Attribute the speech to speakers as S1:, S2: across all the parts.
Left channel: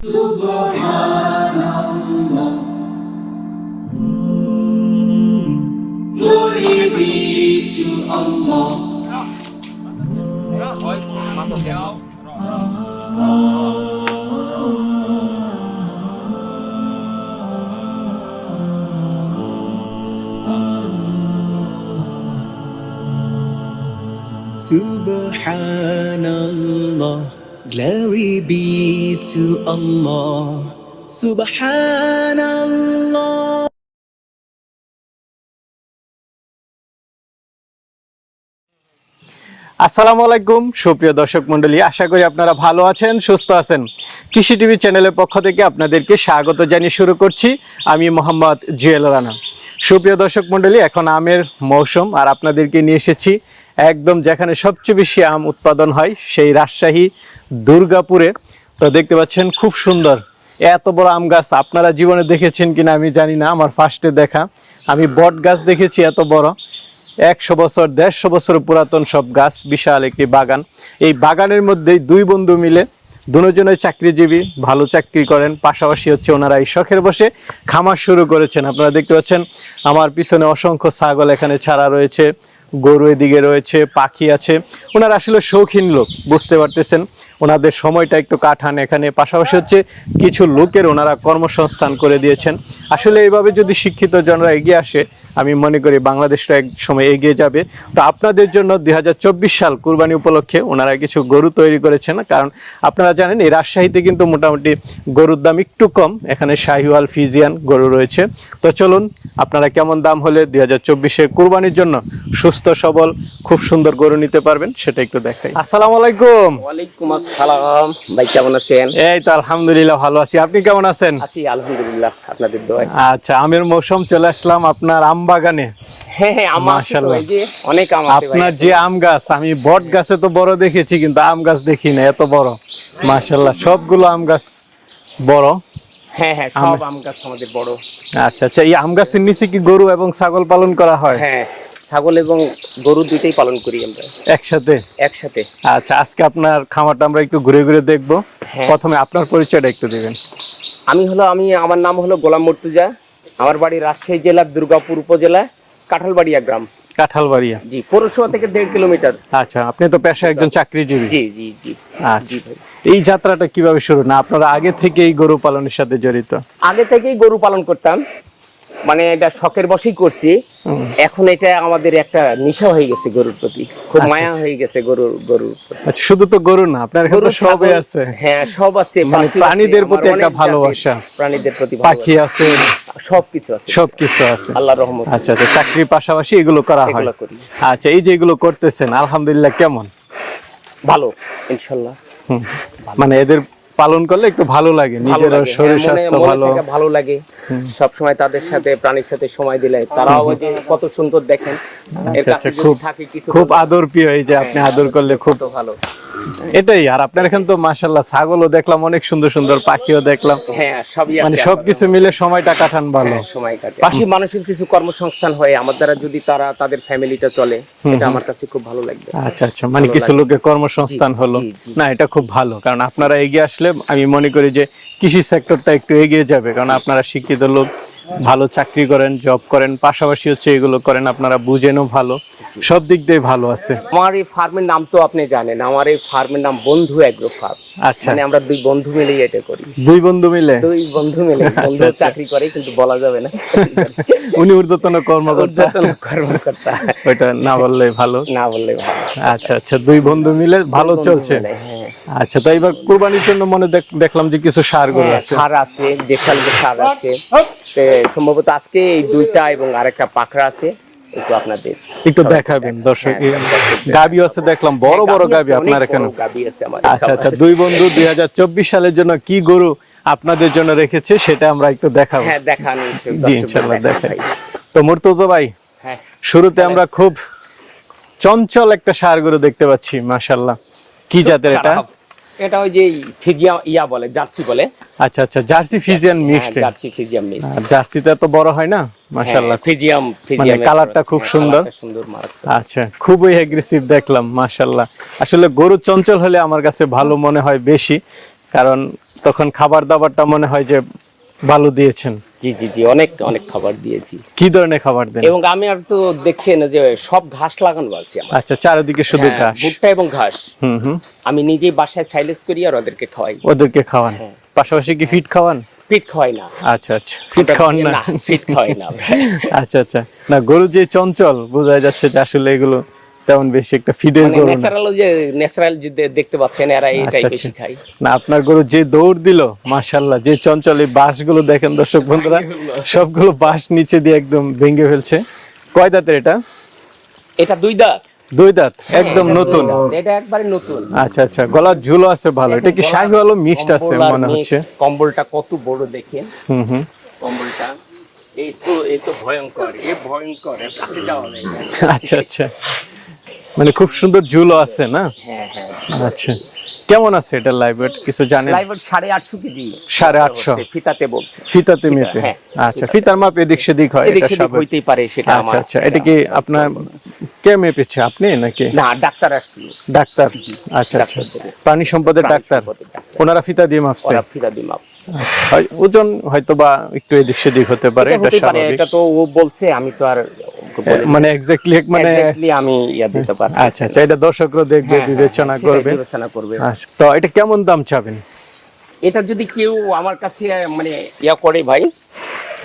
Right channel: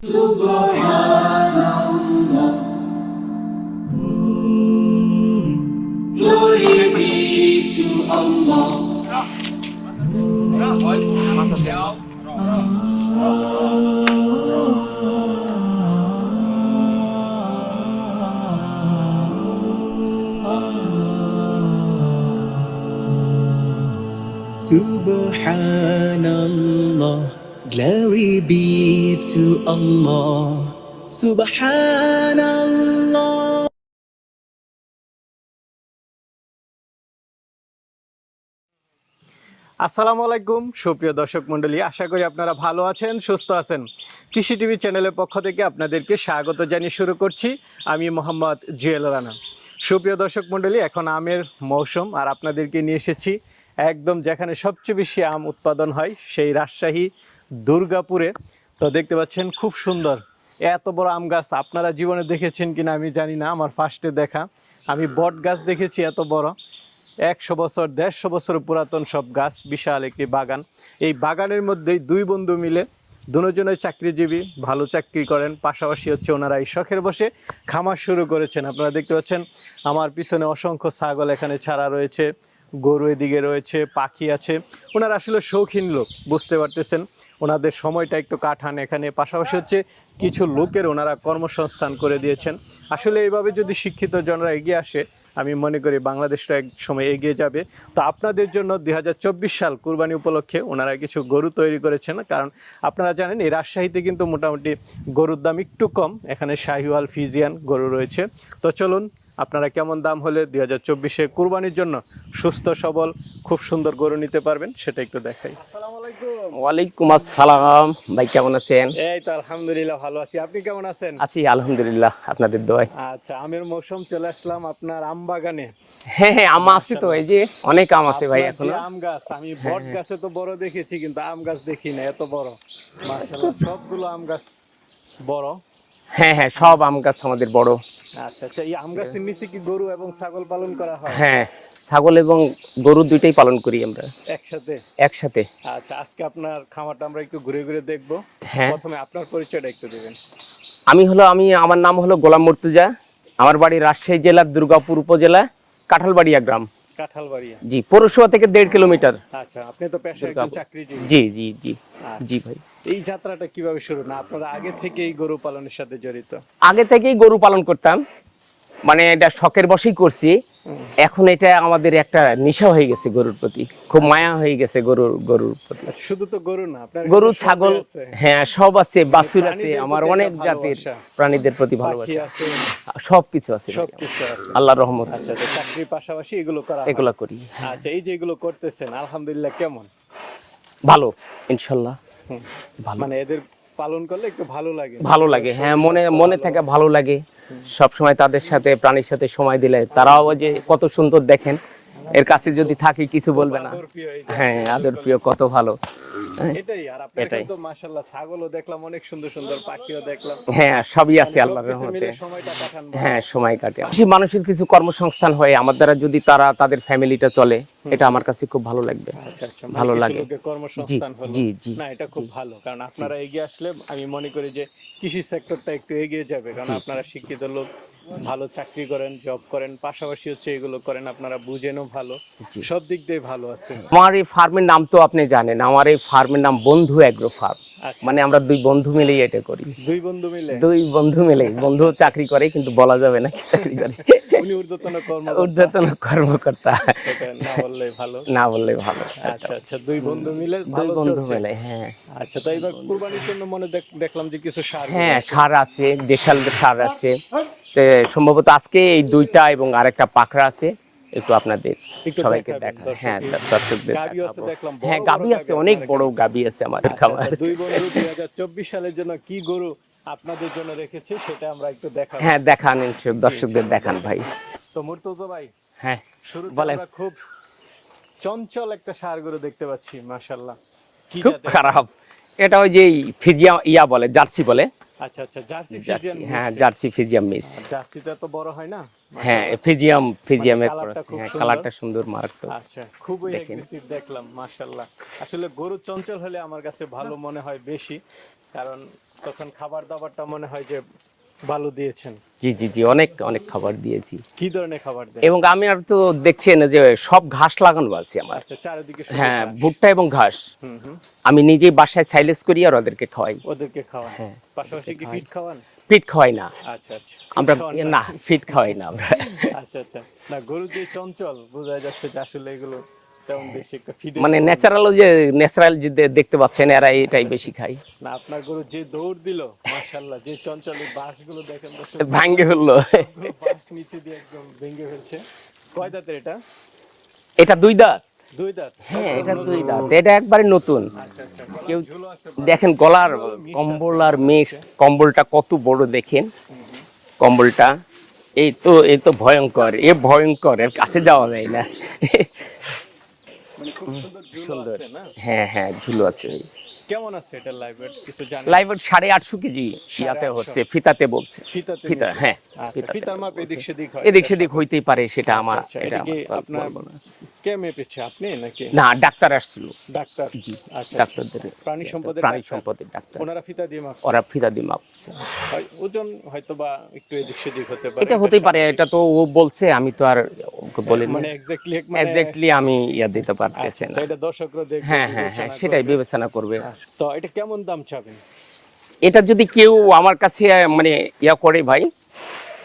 S1: Glory be to Allah. Subhanallah, glory be to Allah. Subhanallah. আসসালামু আলাইকুম, সুপ্রিয় দর্শক মণ্ডলী। আশা করি আপনারা ভালো আছেন, সুস্থ আছেন। কৃষি টিভি চ্যানেলের পক্ষ থেকে আপনাদেরকে স্বাগত জানিয়ে শুরু করছি। আমি মোহাম্মদ জুয়েল রানা। সুপ্রিয় দর্শক মন্ডলী এখন আমের মৌসুম আর আপনাদেরকে নিয়ে এসেছি। একদম যেখানে সবচেয়ে বেশি আম উৎপাদন হয়, সেই রাজশাহী দুর্গাপুরে। তো দেখতে পাচ্ছেন খুব সুন্দর। এত বড় আম গাছ আপনারা জীবনে দেখেছেন কিনা আমি জানি না, আমার ফার্স্টে দেখা। আমি বট গাছ দেখেছি এত বড়। একশো বছর, দেড়শো বছর পুরাতন সব গাছ, বিশাল একটি বাগান। এই বাগানের মধ্যেই দুই বন্ধু মিলে দুজনের চাকরিজীবী, ভালো চাকরি করেন, পাশাপাশি হচ্ছে ওনারা এই শখের বসে খামার শুরু করেছেন। আপনারা দেখতে পাচ্ছেন, আমার পিছনে অসংখ্য ছাগল এখানে ছাড়া রয়েছে। গরু এদিকে রয়েছে, পাখি আছে। ওনারা আসলে শৌখিন লোক, বুঝতে পারতেছেন। ওনাদের সময়টা একটু কাটান এখানে। পাশাপাশি হচ্ছে কিছু লোকের ওনারা কর্মসংস্থান করে দিয়েছেন। আসলে এইভাবে যদি শিক্ষিত জনরা এগিয়ে আসে আমি মনে করি বাংলাদেশটা এক সময় এগিয়ে যাবে। তো আপনাদের জন্য দুই হাজার চব্বিশ সাল কুরবানি উপলক্ষে ওনারা কিছু গরু তৈরি করেছেন কারণ আপনারা জানেন এই রাজশাহীতে কিন্তু মোটামুটি গরুর দাম একটু কম এখানে শাহিওয়াল ফিজিয়ান গরু রয়েছে। তো চলুন আপনারা কেমন দাম হলে দুই হাজার চব্বিশে কুরবানির জন্য সুস্থ সবল খুব সুন্দর গরু নিতে পারবেন সেটা একটু দেখাই। আসসালামু আলাইকুম।
S2: ওয়ালাইকুম আসসালাম। ভাই কেমন আছেন?
S1: এই তো আলহামদুলিল্লাহ ভালো আছি। আপনি কেমন আছেন?
S2: আছি আলহামদুলিল্লাহ আপনাদের দোয়ায়।
S1: আচ্ছা আমের মৌসুম চলে আসলাম আপনার আম বাগানে হ্যাঁ হ্যাঁ আপনার যে আম গাছ আমি বট গাছে তো বড় দেখেছি কিন্তু আম গাছ দেখি না এত বড়। সবগুলো আম গাছ বড়।
S2: হ্যাঁ হ্যাঁ সব আম গাছ আমাদের বড়।
S1: আচ্ছা আচ্ছা এই আম গাছের নিচে কি গরু এবং ছাগল পালন করা হয়? হ্যাঁ
S2: ছাগল এবং গরু পালন করি আমরা। একসাথে? একসাথে।
S1: আচ্ছা আজকে আপনার খামারটা আমরা একটু ঘুরে ঘুরে দেখব। প্রথমে আপনার পরিচয়টা একটু দিবেন।
S2: আমি হলো আমি আমার নাম হলো গোলাম মর্তুজা। আমার বাড়ি রাজশাহী জেলার দুর্গাপুর উপজেলা কাঁঠালবাড়িয়া গ্রাম। কাঁঠালবাড়িয়া। জি পৌরসভা থেকে দেড় কিলোমিটার।
S1: আচ্ছা আপনি তো পেশা একজন চাকরিজীবী। জি জি জি। আচ্ছা। এই যাত্রাটা কীভাবে শুরু? না আপনারা আগে থেকেই গরু পালনের সাথে জড়িত?
S2: আগে থেকেই গরু পালন করতাম। মানে এটা শখের বসেই করছি। এখন এটা আমাদের একটা নেশা হয়ে গেছে গরুর প্রতি। খুব আচ্ছা, মায়া হয়ে গেছে গরুর গরুর
S1: আচ্ছা শুধু তো গরু না আপনার তো সবই আছে।
S2: হ্যাঁ সব আছে
S1: মানে প্রাণীদের প্রতি একটা ভালোবাসা। প্রাণীদের প্রতি পাখি আছে। সবকিছু আছে। সবকিছু আছে। আল্লাহর রহমত আচ্ছা আচ্ছা চাকরির পাশাপাশি এগুলো করা হয়। এগুলো করি। আচ্ছা এই যে এগুলো করতেছেন আলহামদুলিল্লাহ কেমন?
S2: ভালো ইনশাআল্লাহ
S1: মানে এদের পালন করলে একটু ভালো লাগে লাগে। শরীর হ্যাঁ, স্বাস্থ্য ভালো।
S2: ভালো লাগে। সব সময় তাদের সাথে প্রাণীর সাথে সময় দিলে তারাও যে কত সুন্দর দেখেন। এর আচ্ছা, কাছে আচ্ছা, যদি থাকি কিছু
S1: খুব আদর প্রিয় এই যে আপনি আদর করলে কত ভালো। এটাই আর আপনার এখানে তো মাশাল্লাহ ছাগলও দেখলাম অনেক সুন্দর সুন্দর পাখিও দেখলাম।
S2: হ্যাঁ সবই আছে
S1: মানে সবকিছু মিলে সময়টা কাটান ভালো। হ্যাঁ,
S2: সময় কাটে। পাশে মানুষের কিছু কর্মসংস্থান হয় আমার দ্বারা যদি তারা তাদের ফ্যামিলিটা চলে এটা আমার কাছে খুব ভালো লাগবে।
S1: আচ্ছা আচ্ছা মানে কিছু। লোকের কর্মসংস্থান হলো। না এটা খুব ভালো কারণ আপনারা এগিয়ে আসলে আমি মনে করি যে কৃষি সেক্টরটা একটু এগিয়ে যাবে কারণ আপনারা শিক্ষিত লোক। ভালো চাকরি করেন জব করেন পাশাপাশি হচ্ছে এগুলো করেন আপনারা বুঝেনও ভালো। সব দিক দিয়ে ভালো আছে।
S2: আমার এই ফার্মের নাম তো আপনি জানেন আমার এই ফার্মের নাম বন্ধু এগ্রো ফার্ম। আচ্ছা। মানে আমরা দুই বন্ধু মিলেই এটা করি।
S1: দুই বন্ধু মিলে?
S2: দুই বন্ধু মিলে। বন্ধু আচ্ছা। চাকরি করে কিন্তু বলা যাবে না।
S1: উনি ঊর্ধ্বতন কর্মকর্তা।
S2: কর্মকর্তা।
S1: ওইটা না বললে ভালো।
S2: না বললে ভালো।
S1: আচ্ছা আচ্ছা দুই বন্ধু মিলে ভালো চলছে। মিলে, হ্যাঁ। আচ্ছা তো এবার কুরবানির জন্য মনে দেখলাম যে কিছু সারগুলো হ্যাঁ, আছে।
S2: সার আছে দেশাল সার আছে। তো সম্ভবত আজকে এই দুইটা এবং আরেকটা পাখরা আছে একটু আপনাদের
S1: একটু দেখাবেন দর্শক হ্যাঁ, গাবি আছে দেখলাম বড় বড় হ্যাঁ, গাবি আপনার এখানে। বড় গাবি আছে আমার আচ্ছা আচ্ছা দুই বন্ধু দুই হাজার চব্বিশ সালের জন্য কি গরু আপনাদের জন্য রেখেছে সেটা আমরা একটু দেখাবো। হ্যাঁ দেখান জি ইনশাল্লাহ দেখাই। তো মুর্তজা ভাই হ্যাঁ। শুরুতে আমরা খুব চঞ্চল একটা সার গরু দেখতে পাচ্ছি মাশাল্লাহ। কি জাতের এটা?
S2: এটা ওই যে ফিজিয়া ইয়া বলে জার্সি বলে।
S1: আচ্ছা আচ্ছা জার্সি ফিজিয়ান হ্যাঁ, mixed.
S2: Jersey Friesian mix
S1: Jersey তো বড় হয় না? মাশাল্লাহ ফিজিয়াম ফিজিয়াম কালারটা খুব সুন্দর। সুন্দর মারাত্মক। আচ্ছা খুবই এগ্রেসিভ দেখলাম মাশাল্লাহ আসলে গরু চঞ্চল হলে আমার কাছে ভালো মনে হয় বেশি কারণ তখন খাবার দাবারটা মনে হয় যে ভালো দিয়েছেন।
S2: জি জি জি অনেক অনেক খাবার দিয়েছি।
S1: কি ধরনের খাবার দেন?
S2: এবং আমি আর তো দেখছেন যে সব ঘাস লাগানো আছে আমার।
S1: আচ্ছা চারিদিকে শুধু হ্যাঁ, ঘাস।
S2: ভুট্টা এবং ঘাস। হুম হুম। আমি নিজেই বাসায় সাইলেস করি আর ওদেরকে খাওয়াই।
S1: ওদেরকে খাওয়ান? হ্যাঁ। পাশাপাশি কি ফিট খাওয়ান? ফিট খাওয়াই না। আচ্ছা আচ্ছা। ফিট খাওয়ান না।
S2: ফিট খাওয়াই না।
S1: আচ্ছা আচ্ছা। না গরু যে চঞ্চল বোঝা যাচ্ছে যে আসলে এগুলো তেমন বেশি একটা ফিডের মানে
S2: ন্যাচারাল যে ন্যাচারাল যে দেখতে পাচ্ছেন এরা এটাই আচ্ছা, বেশি আচ্ছা। খায়।
S1: না আপনার গরু যে দৌড় দিল মাশাল্লাহ যে চঞ্চল এই বাঁশগুলো দেখেন দর্শক বন্ধুরা সবগুলো বাঁশ নিচে দিয়ে একদম ভেঙে ফেলছে। কয় দাঁতের এটা?
S2: এটা দুই দাঁত।
S1: দুই দাঁত একদম নতুন।
S2: এটা একবারে নতুন।
S1: আচ্ছা আচ্ছা গলার ঝুলো আছে ভালো। এটা কি মিক্সড আছে মনে হচ্ছে?
S2: কম্বলটা কত বড় দেখেন। হুম হুম। কম্বলটা এই তো এই তো ভয়ঙ্কর এ ভয়ঙ্কর এর কাছে যাওয়া যায় না।
S1: আচ্ছা আচ্ছা। মানে খুব সুন্দর ঝুলো আছে না?
S2: হ্যাঁ হ্যাঁ আচ্ছা।
S1: কেমন আছে এটা লাইভেট কিছু জানেন?
S2: সাড়ে আটশো কেজি।
S1: সাড়ে আটশো। হচ্ছে,
S2: ফিতাতে বলছে।
S1: ফিতাতে মেপে। হ্যাঁ। আচ্ছা ফিতার মাপ এদিক সেদিক হয়
S2: এদিক এটা সেদিক হইতেই পারে সেটা
S1: আচ্ছা আমার আচ্ছা এটা কি আপনার কে মেপেছে আপনি নাকি?
S2: না ডাক্তার আসছিল।
S1: ডাক্তার? আচ্ছা আচ্ছা। প্রাণী সম্পদের ডাক্তার? ওনারা ফিতা দিয়ে মাপছে?
S2: ফিতা দিয়ে মাপছে।
S1: ওজন হয়তো বা একটু এদিক সেদিক হতে পারে এটা
S2: পারে, স্বাভাবিক। এটা তো ও বলছে আমি তো আর
S1: মানে এক্স্যাক্টলি মানে
S2: আমি ইয়া দিতে পারব।
S1: আচ্ছা আচ্ছা এটা দর্শকরা দেখবে হ্যাঁ, হ্যাঁ, বিবেচনা হ্যাঁ, করবে।
S2: বিবেচনা করবে। আচ্ছা,
S1: তো এটা কেমন দাম চাবেন?
S2: এটা যদি কেউ আমার কাছে মানে ইয়া করে ভাই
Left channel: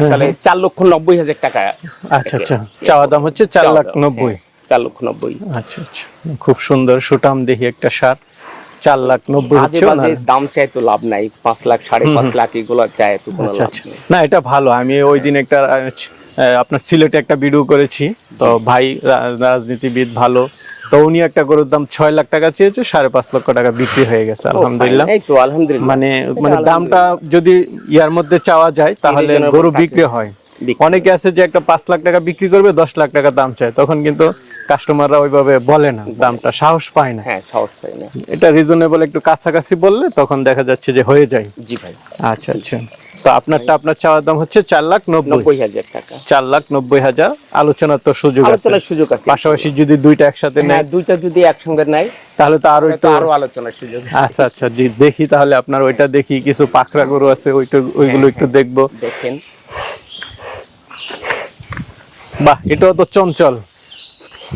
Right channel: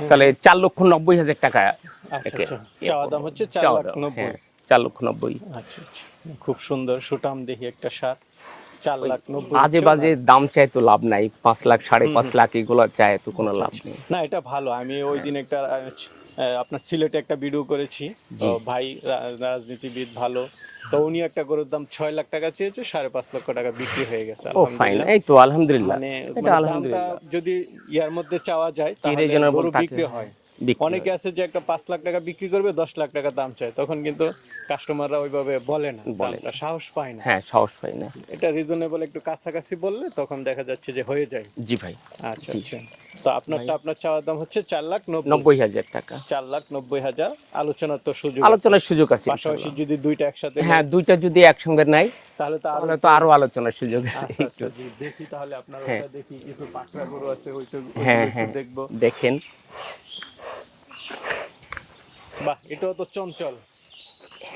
S2: তাহলে চার লক্ষ নব্বই হাজার টাকা
S1: আচ্ছা আচ্ছা। চাওয়া দাম হচ্ছে চার লাখ নব্বই।
S2: চার লক্ষ নব্বই।
S1: আচ্ছা আচ্ছা। খুব সুন্দর সুটাম দেখি একটা সার। চার লাখ নব্বই হচ্ছে
S2: দাম চাই তো লাভ নাই। পাঁচ লাখ সাড়ে পাঁচ লাখ এগুলো চায় তো কোনো আচ্ছা লাভ আচ্ছা।
S1: না এটা ভালো। আমি ওই দিন একটা আপনার সিলেটে একটা ভিডিও করেছি। তো ভাই রাজনীতিবিদ ভালো। তো উনি একটা গরুর দাম ছয় লাখ টাকা চেয়েছে সাড়ে পাঁচ লক্ষ টাকা বিক্রি হয়ে গেছে আলহামদুলিল্লাহ। আলহামদুলিল্লাহ। মানে মানে দামটা যদি ইয়ার মধ্যে চাওয়া যায় তাহলে গরু বিক্রি হয়। অনেকে আছে যে একটা পাঁচ লাখ টাকা বিক্রি করবে দশ লাখ টাকা দাম চায়। তখন কিন্তু কাস্টমাররা ওইভাবে বলে না দামটা সাহস পায় না।
S2: হ্যাঁ সাহস পাই না।
S1: এটা রিজনেবল একটু কাছাকাছি বললে তখন দেখা যাচ্ছে যে হয়ে যায়। জি ভাই। আচ্ছা আচ্ছা। তো আপনারটা আপনার চাওয়ার দাম হচ্ছে চার লাখ নব্বই। হাজার টাকা। চার লাখ নব্বই হাজার। আলোচনার তো সুযোগ
S2: আলোচনার সুযোগ আছে।
S1: পাশাপাশি যদি দুইটা একসাথে হ্যাঁ
S2: নেয় দুইটা যদি একসঙ্গে নেয়
S1: তাহলে তো আরও একটু
S2: আরও আলোচনার সুযোগ
S1: আচ্ছা আচ্ছা জি দেখি তাহলে আপনার ওইটা দেখি কিছু পাখরা গরু আছে ওইটা ওইগুলো হ্যাঁ, একটু হ্যাঁ। দেখব। দেখেন। বাহ এটাও তো চঞ্চল।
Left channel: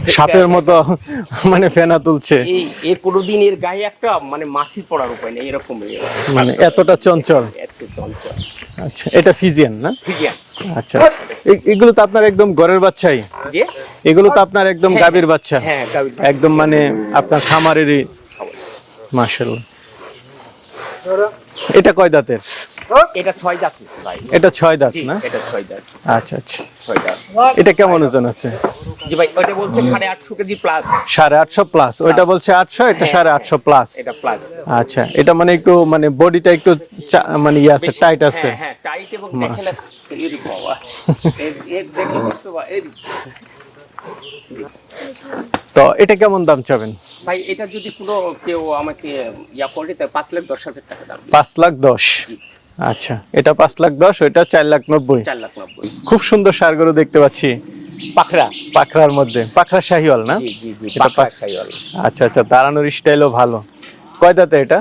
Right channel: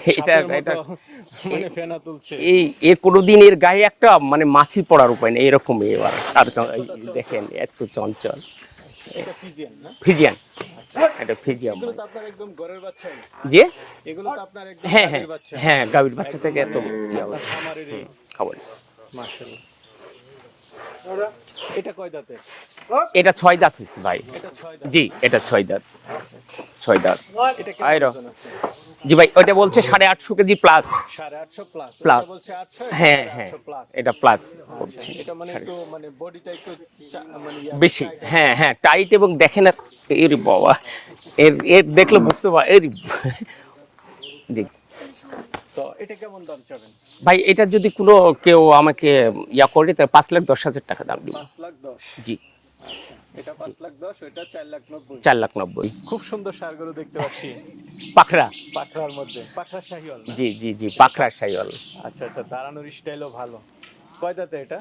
S1: সাপের মতো মানে ফেনা তুলছে।
S2: এই এর কোনোদিন এর গায়ে একটা মানে মাছি পড়ার উপায় নেই এরকম
S1: মানে এতটা চঞ্চল।
S2: একটু চঞ্চল।
S1: আচ্ছা এটা ফিজিয়ান না? ফিজিয়ান। আচ্ছা আচ্ছা। এগুলো তো আপনার একদম ঘরের বাচ্চাই। যে? এগুলো তো আপনার একদম হ্যাঁ, গাভীর হ্যাঁ, বাচ্চা। হ্যাঁ গাভীর একদম মানে আপনার খামারেরই। মাশাআল্লাহ। এটা কয় দাঁতের?
S2: এটা ছয় দাঁত ভাই।
S1: এটা ছয় দাঁত না? এটা ছয় দাঁত। আচ্ছা আচ্ছা। ছয় দাঁত। এটা কেমন ওজন আছে?
S2: জি ভাই ওটা বলছে সাড়ে আটশো কেজি প্লাস
S1: বলছে এটা হ্যাঁ, হ্যাঁ। আটশো প্লাস এটা প্লাস আচ্ছা এটা মানে একটু মানে বডিটা একটু মানে ইয়ে আছে টাইট আছে। হ্যাঁ
S2: হ্যাঁ টাইট এবং দেখেন না এর বাবা। এর এর দেখলে বুঝতে পার এর
S1: তো এটা কেমন দাম চাবেন?
S2: ভাই এটা যদি কোনো কেউ আমাকে ইয়া করে তাহলে পাঁচ লাখ দশ হাজার টাকা দাম।
S1: পাঁচ লাখ দশ। জি। আচ্ছা। এটা পাঁচ লাখ দশ ওইটা চার লাখ নব্বই।
S2: চার লাখ নব্বই।
S1: খুব সুন্দর সার গরু দেখতে পাচ্ছি। পাখরা। পাখরার মধ্যে। পাখরা শাহিওয়াল না। আচ্ছা আচ্ছা দাঁড়ানোর স্টাইলও ভালো। কয় দাঁতে এটা?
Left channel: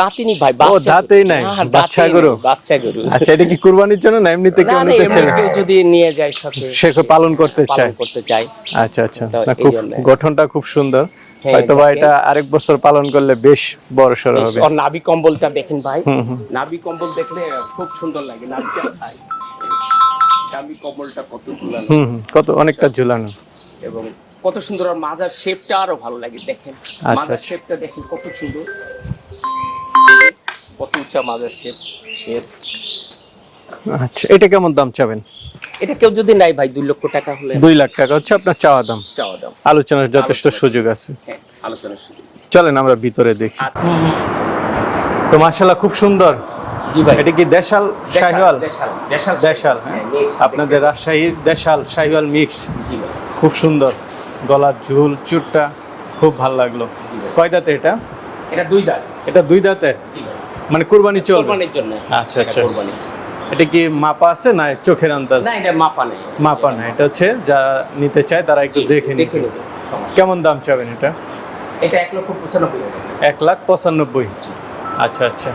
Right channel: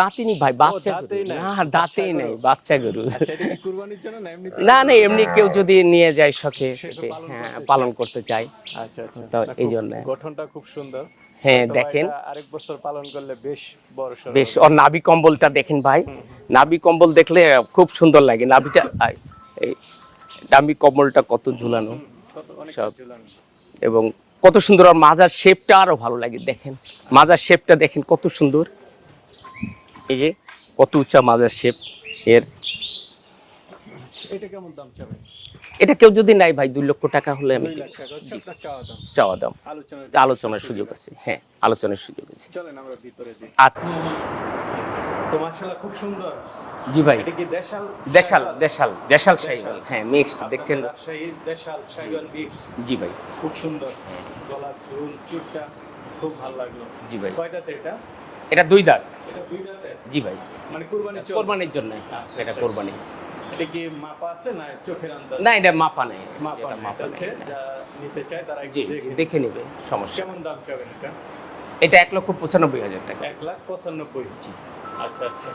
S1: দাঁতই ভাই বাচ্চা দাঁতেই নাই, হ্যাঁ, বাচ্চা গরু। বাচ্চা গরু। আচ্ছা এটা কি কুরবানির জন্য না এমনিতে কেউ নিতে চাইবে
S2: কেউ যদি নিয়ে যায় সাথে।
S1: সে পালন করতে পালন চায়। করতে চায়। আচ্ছা আচ্ছা। খুব গঠনটা খুব সুন্দর। হয়তো বা। এটা আরেক বছর পালন করলে বেশ বড় সড় হবে।
S2: ওর নাভি কম্বলটা দেখেন ভাই। নাভি কম্বল দেখলে খুব সুন্দর লাগে। নাভিটা নাভি কম্বলটা কত ঝুলানো।
S1: কত অনেকটা ঝুলানো।
S2: এবং কত সুন্দর আর মাজার শেপটা আরও ভালো লাগে দেখেন। আচ্ছা। মাজার শেপটা দেখেন কত সুন্দর। কত উঁচা মাজার শেপ এর
S1: আচ্ছা এটা কেমন দাম চাবেন?
S2: এটা কেউ যদি নাই ভাই দুই লক্ষ টাকা হলে
S1: দুই লাখ টাকা হচ্ছে আপনার চাওয়া দাম। চাওয়া দাম। আলোচনার যথেষ্ট সুযোগ। আছে।
S2: হ্যাঁ আলোচনার সুযোগ
S1: আছে। চলেন আমরা ভিতরে দেখি। তো মার্শাল্লাহ খুব সুন্দর। জি ভাই। এটা কি দেশাল শাহিওয়াল?
S2: দেশাল দেশাল দেশাল। হ্যাঁ হ্যাঁ
S1: আপনাদের রাজশাহীর দেশাল শাহিওয়াল মিক্স জি ভাই। খুব সুন্দর। গলার ঝুল চুটটা খুব ভালো লাগল। কয় দাঁতে এটা? এটা দুই দাঁত। এটা দুই দাঁতে? জি ভাই। মানে কুরবানি চলবে কোরবানির জন্য। আচ্ছা, আচ্ছা। কোরবানি। এটা কি মাপা আছে না চোখের আন্দাজ?
S2: না এটা মাপা নেই।
S1: মাপা না এটা হচ্ছে যা নিতে চায় তারা একটু দেখে দেখে নেবে কেমন দাম চাবেন এটা?
S2: এটা এক লক্ষ পঁচানব্বই হাজার
S1: এক লাখ পঁচানব্বই। আচ্ছা আচ্ছা।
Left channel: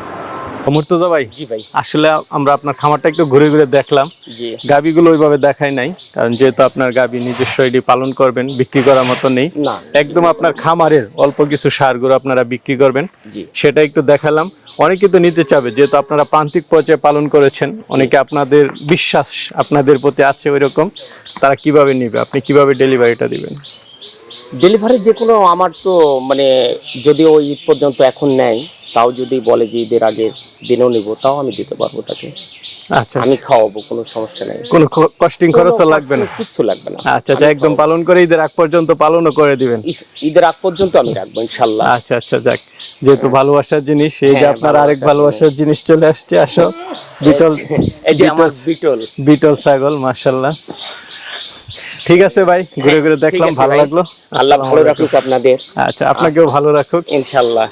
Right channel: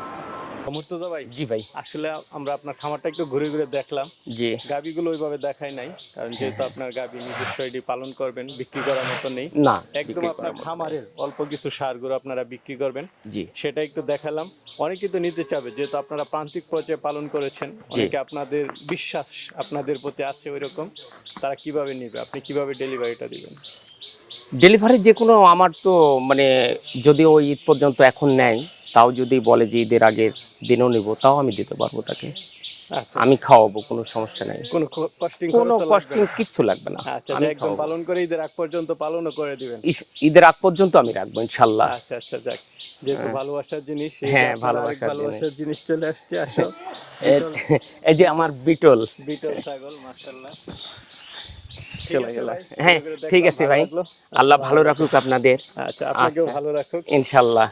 S1: মুর্তজা ভাই জি ভাই। আসলে আমরা আপনার খামারটা একটু ঘুরে ঘুরে দেখলাম। জি। গাবিগুলো ওইভাবে দেখাই নাই কারণ যেহেতু আপনার গাবি নিজস্ব এটি পালন করবেন বিক্রি করার মতো নেই। একদম আপনার খামারের অল্প কিছু সারগুলো আপনারা বিক্রি করবেন। সেটা একটু দেখালাম। অনেকে তো নিতে চাবে যেহেতু আপনারা প্রান্তিক পর্যায়ে পালন করেছেন অনেকে আপনাদের বিশ্বাস আপনাদের প্রতি আছে ওইরকম। তারা কীভাবে নিবে? আপনি কীভাবে ডেলিভারিটা দিবেন?
S2: ডেলিভারি যে কোনো আমার তো মানে যদি ওই ঈদ পর্যন্ত এখন নেয় তাও যদি বলে যে ঈদের আগের দিনও নিব তাও আমি দিতে পারব তাকে। আচ্ছা আমি খাওয়াবো কোনো সমস্যা নেই।
S1: কোনো কস্টিং খরচও কোনো লাগবে না?
S2: কিচ্ছু লাগবে না।
S1: আচ্ছা আচ্ছা একদম পালন করে ঈদের আগ পর্যন্ত পালনও করে দিবেন।
S2: ঈদের আগ পর্যন্ত আমি রাখব ইনশাল্লাহ।
S1: আচ্ছা আচ্ছা যাক। যেহেতু ভালোবাসার জিনিস এই যে হ্যাঁ, আপনার আরেক ভালোবাসার জিনিস। চলে আসছে আসো। বিটল এই যে আমার বিটল। বিটল ছাগল মাশাল্লাহ। ঠিক আছে ভাই ঘুরে ঘুরে দেখলাম ভালো লাগল।
S2: আল্লাহ ভালো রাখুক আপনাদের।
S1: আচ্ছা আপনাকেও ভালো রাখুক।
S2: ইনশাল্লাহ।